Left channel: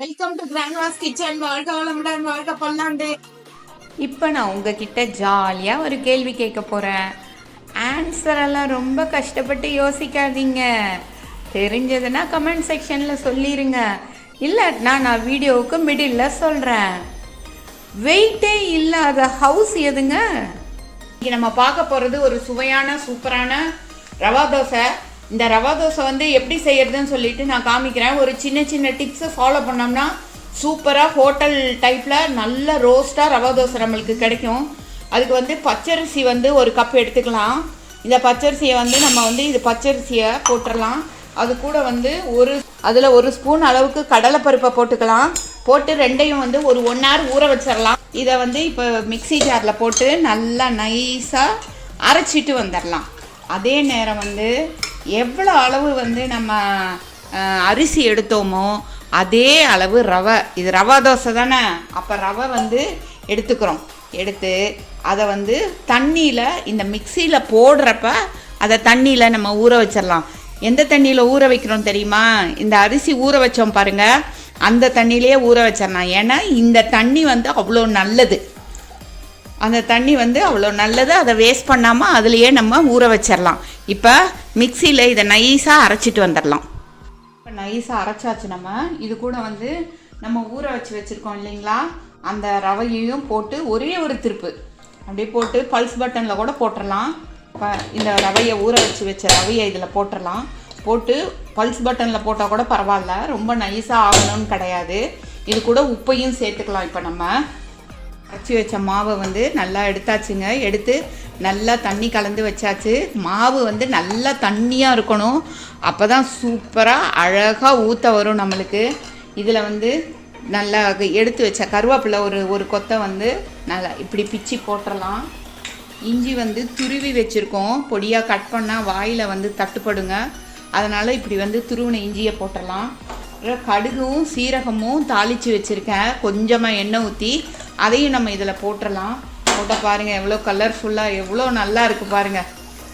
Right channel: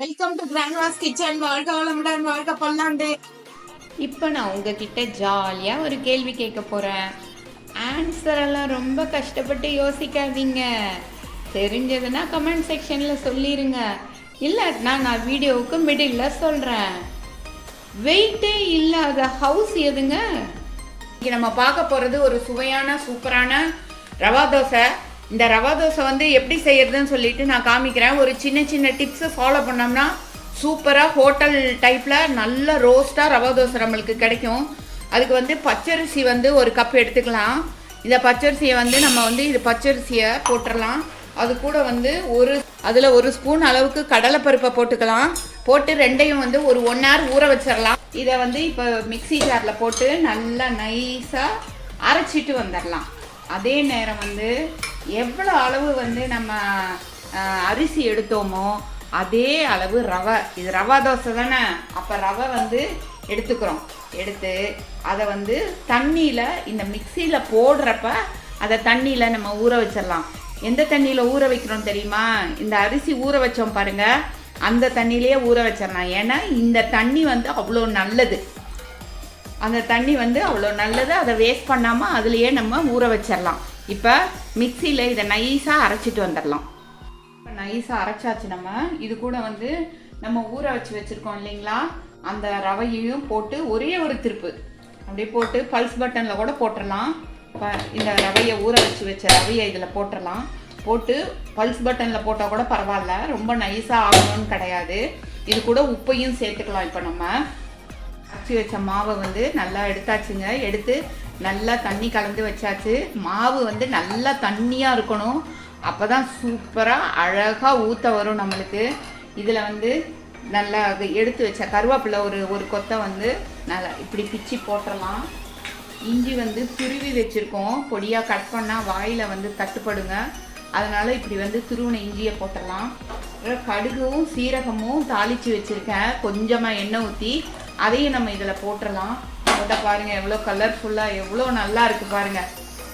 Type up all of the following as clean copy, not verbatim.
Welcome to Grandma's kitchen. வாழ்க வளமுடன், வாழ்க பல்லாண்டு. இப்போ நான் உங்ககிட்ட ஜாலியாக ஒரு கேள்வி கேட்க போகிறேன். ஆன்சர் எல்லாம் ரொம்ப கஷ்டப்பட்டு யோசிக்காதீங்க. தெரிஞ்சதுன்னா கமெண்ட் செக்ஷனில் சொல்லிடுங்க. இல்லாட்டினா நான் வீடியோவுக்கு மிடில் சொல்கிறேன். வெயிட்டே இல்லாத ஹவுஸ் எதுங்க? இங்கே நம்ம பார்க்க போகிறது ஒரு சுவையான சூப்பரான ரவா தோசை. இந்த ரவா தோசை எப்படி செய்யறதுன்னு சொல்லிட்டு நான் காமிக்கிறேன். ஒரு சின்ன சின்ன டிப்ஸை ஃபாலோ பண்ணோம்னா சூப்பராக ஹோட்டல் டைப்பில் நல்ல ரோஸ்ட்டாக ரவா தோசை நம்மளுக்கு கிடைக்கும். அதுக்கு பச்சரிசி ஒரு கப் எடுத்துக்கலாம். இந்த பச்சரிசியை நம்ம இது பச்சரிசியை போட்டுடலாம். அது கூட அதில் ஒரு ஸ்பூன் அளவுக்கு கடலைப்பருப்பை போட்டுக்கலாம். போட்டு ரெண்டையும் ஒரு 1 hour ஊற வச்சிடலாம். இதை இப்போ மிக்சி ஜாரில் போட்டு நல்லா நைஸாக அரைச்சிட்டு வந்துடலாம். அதே நேரம் எவ்வளோ அளவு நம்ம அரிசி எடுத்தோமோ அதே அளவு ரவை. இது ரவா தோசை தானே, அப்போ ரவை எடுத்துக்கிறோம். எடுத்து அதை தண்ணியில் இந்த மிக்சியில் போடுறப்ப அதை தண்ணியில் நம்ம ஊற வச்சிடலாம். எந்த தண்ணியில் ஊற வைக்கிறோம் தெரியுமா? இந்த அரிசி ஊற வச்சோம் பாருங்கள், அந்த தண்ணியிலேயே ஊற வச்சிடலாம். ஏன்னா இந்த தண்ணி அவ்வளோ நல்லது. அந்த தண்ணி அவ்வளோ நல்லது. அதை வேஸ்ட் பண்ணாமல் அதுலேயே நம்ம ஊற வச்சிடலாம். இப்போ மிக்சியில் இதை நைஸாக அரைச்சிட்டு வந்துடலாம். இப்போ நைஸாக அரைச்சாச்சு. இது கூட நம்ம ஊற வச்சுருக்கோம் இல்லைங்களா, அந்த ரவையையும் போட்டு ஒரே ஒரு திருப்பு அப்படியே போட்டு பல்ஸ் பட்டனில் கூட போட்டுடலாம். இப்போ இந்த ரவையை ஊற வச்ச ரவையை இதில் போட்டுடலாம். போட்டு பல்ஸ் பட்டனில் போட்டால் கூட பரவாயில்ல, ரொம்ப நைஸாக ஆகணும்னு கிடையாது. இது கூட உப்பையும் சேர்த்துக்கலாம். இப்போ நம்ம அரைச்சி வச்ச மாவை நல்லா எடுத்தாச்சுங்க. எடுத்து நல்லா தண்ணி கலந்து வச்சாச்சு. மாவு நல்லா தண்ணியாக இருக்கணும். அப்போ தான் சூப்பராக அழகாக ஊற்ற வரும் நம்மளுக்கு. இதில் நல்லா எடுத்து வச்ச கருவேப்பிலை ஒரு கொத்தை நல்லா இப்படி பிச்சு போட்டுடலாம். இஞ்சி துருவி வச்சுருக்கோம். பொடியாக கட் பண்ணால் வாயில் தட்டுப்படுங்க. அதனால் இப்படி துருவின இஞ்சியை போட்டுடலாம். கடுகும் சீரகமும் தாளித்து வச்சுருக்கேன். கொஞ்சமாக எண்ணெய் ஊற்றி அதையும் நம்ம இதில் போட்டுடலாம். போட்டால் பாருங்கள் எவ்வளோ கலர்ஃபுல்லாக எவ்வளோ நல்லா இருக்குது பாருங்கள்.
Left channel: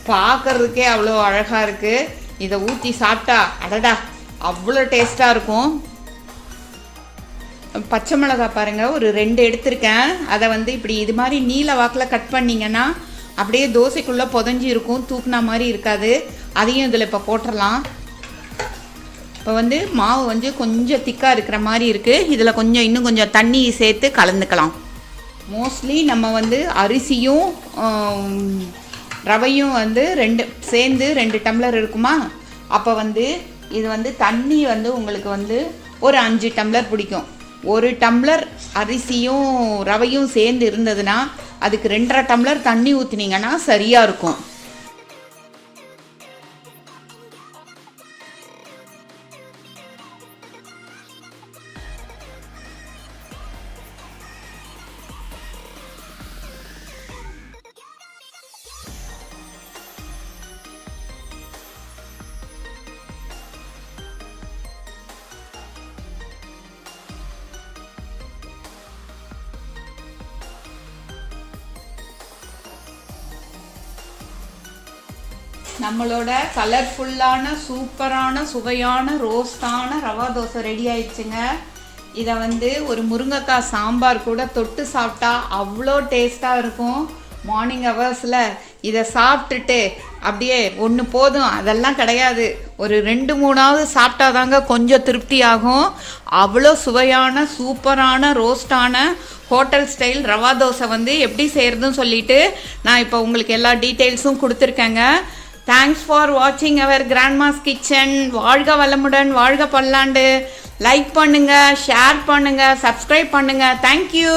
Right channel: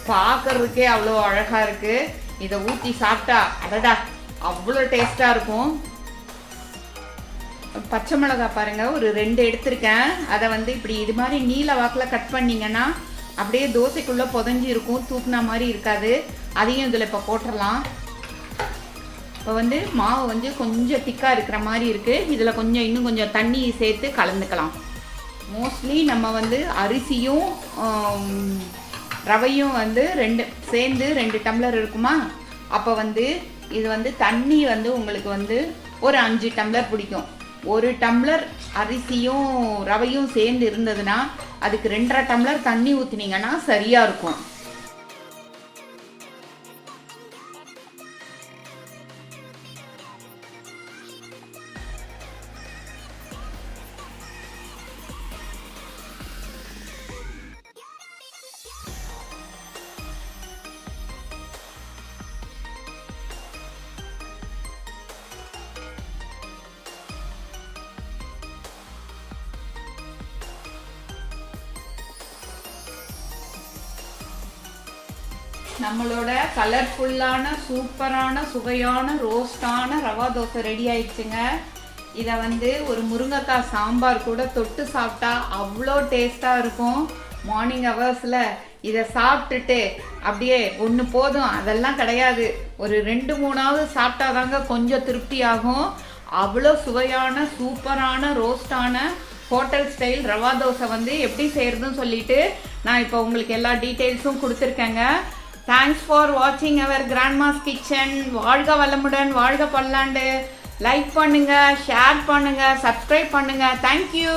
பார்க்குறதுக்கே அவ்வளோ அழகாக இருக்குது. இதை ஊற்றி சாப்பிட்டா அடடா அவ்வளோ டேஸ்ட்டாக இருக்கும். பச்சை மிளகாய் பாருங்கள், ஒரு 2 எடுத்திருக்கேன். அதை இப்படி இது மாதிரி நீல வாக்கில் கட் பண்ணிங்கன்னா அப்படியே தோசைக்குள்ளே புதஞ்சி இருக்கும், தூக்குனா மாதிரி இருக்காது. அதையும் இதில் இப்போ போட்டுடலாம். இப்போ மாவு கொஞ்சம் திக்காக இருக்கிற மாதிரி இருக்குது. இதில் இன்னும் கொஞ்சம் தண்ணி சேர்த்து கலந்துக்கலாம். மோஸ்ட்லி நம்ம அரிசியும் ரவையும் சேர்ந்து 2 டம்ளர் இருக்குமா. அப்போ இது தண்ணி உங்களுக்கு ஒரு 5 டம்ளர் பிடிக்கும். 1 டம்ளர் அரிசியும் ரவையும் சேர்ந்து இருந்ததுன்னா அதுக்கு 2.5 டம்ளர் தண்ணி ஊற்றினீங்கன்னா சரியாக இருக்கும். நம்மளோட கலர்ஃபுல்லான சூப்பரான சுவையான ரோஸ்டான ரவா தோசை ரெடி ஆயிடுச்சுங்க. இதை ஒரு முருங்கைக்காய் சாம்பார் கூட தொட்டு சாப்பிட்டா அவ்வளோ டேஸ்ட்டாக இருக்கும். மார்னிங் ஹவர்ஸில் இதை சாப்பிட்டுட்டு அப்படியே ஒன்று போதும் அதெல்லாம் கிடையாது, ஒரு 2-3ஆவது சாப்பிட்டா தாங்க கொஞ்சம் திருப்தி ஆகும். அவ்வளோ சுவையான சூப்பரான ரோஸ்டான ஹோட்டல் ஸ்டைல் ரவா தோசை எப்படி செய்கிறதுன்னு சொல்லிட்டு நான் இப்போ உங்களுக்கு எல்லா டீட்டெயில்ஸும் கொடுத்துருக்கேங்க. தேங்க்ஸ் ஃபார் வாட்சிங் அவர் கிராண்ட்மாஸ் கிச்சன். வாழ்க வளமுடன், வாழ்க பல்லாண்டு. லைக் பண்ணுங்கள், ஷேர் பண்ணுங்கள், சப்ஸ்கிரைப் பண்ணுங்கள். தேங்க்யூ.